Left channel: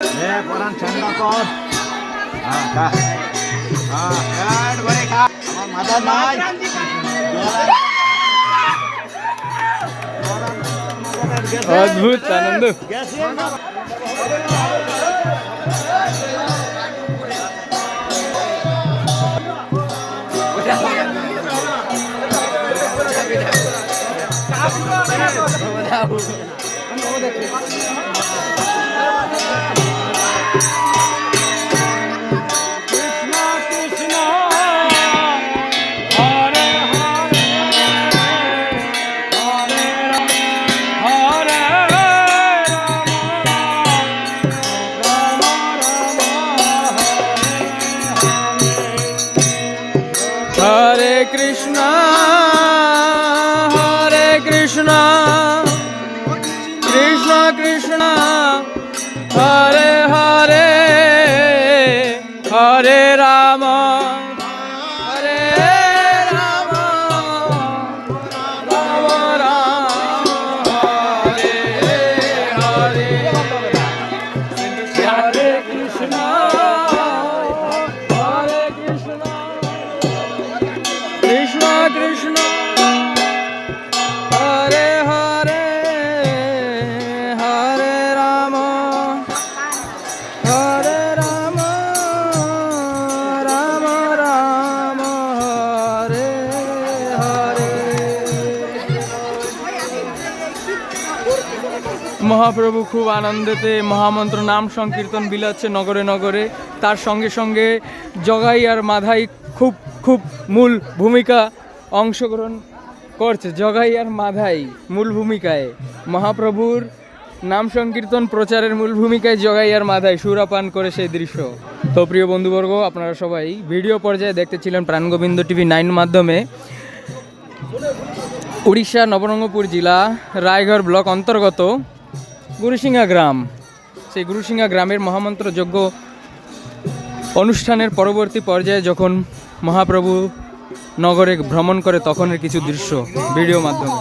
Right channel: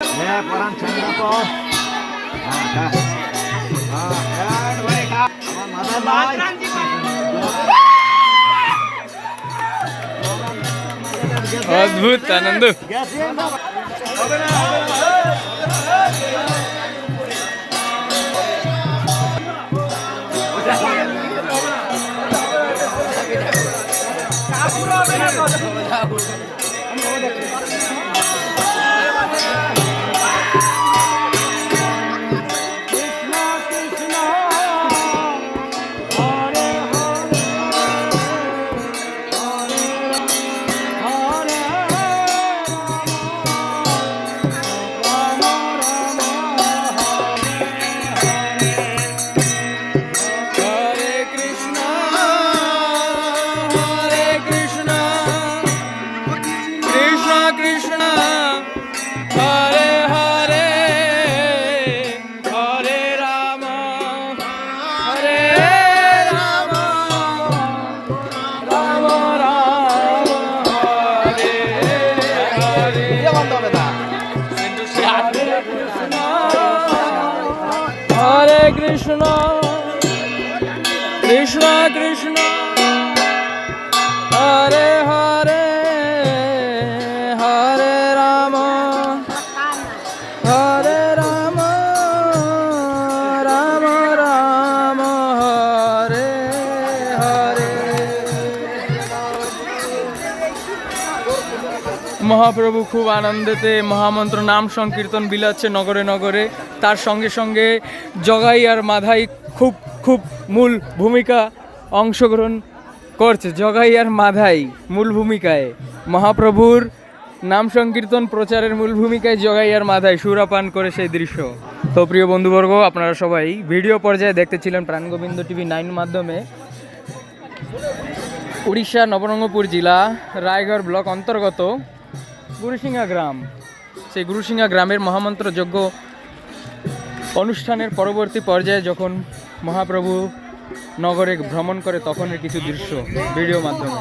পরান ঠান্ডা কর। আমার মাথা নাই। অদ্ভুত আনন্দ। কৃষ্ণ কৃষ্ণ হরে হরে হরে রাম রাম রাম হরে হরে। মহাপ্রভু খুব আনন্দেতে মহামন্ত্র নাম সংকীর্তন বিলাচ্ছে নগরে নগরে। তার সঙ্গে সঙ্গে জগাই আর মাধাই খুব খুব মূল ভূমিকা অংশগ্রহণ করছে। জগাই আর মাধাই মূল ভূমিকায়, মহাপ্রভুর নাম সংকীর্তন প্রচারের মূল ভূমিকায় জগাই আর মাধাই সুরাপান করে সেই দৃশ্য। তো প্রিয় বন্ধুবর্গ, আপনারা সবাই ভিডিও পর্যায়ে দেখতেছিলেন প্রাণগোবিন্দ টিভি 9 মাধ্যমে উড়িষ্যা নবরঙ্গপুর জেলা রায়গড় ব্লক অন্তর্গত গুরুসিংহা গ্রাম। সেই গুরুসিংহা গ্রামের মহামন্ত্র যজ্ঞ অনুষ্ঠানের পরবর্তী পর্যায়ে যখন মহাপ্রভু নগরে ভ্রমণ করে তখনের কিছু দৃশ্য ভিডিও মাধ্যমে।